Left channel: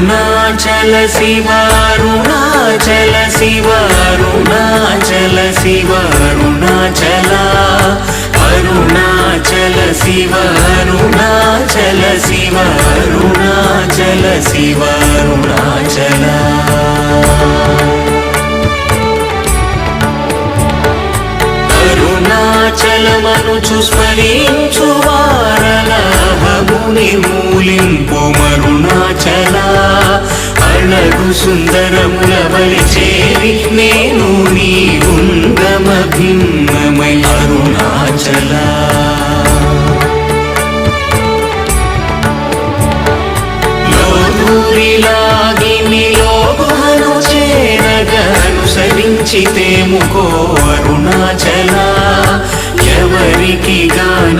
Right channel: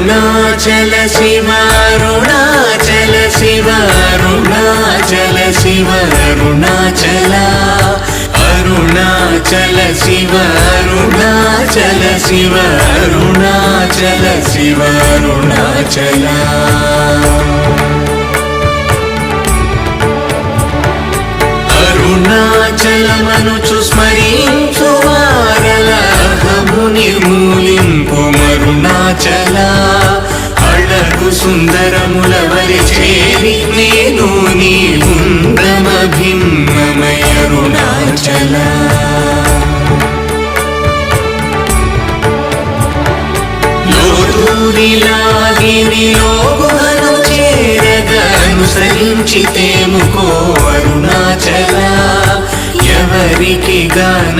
అరుణాచల శివ అరుణాచల శివ అరుణాచల శివ అరుణాచల అరుణాచల శివ అరుణాచల శివ అరుణాచల శివ అరుణాచల అరుణాచలమనుచు స్మరించు వారలహముని మూలింపు మరుణాచల అళగు సుందరముల వలి చేరి నేను నీ గుండ్రమ భిన్నమయ అరుణాచల లోదూరిలాగిని లోగుహను చేరగా అనుసరించితేముకో అరుణాచల ఎవరికి గాని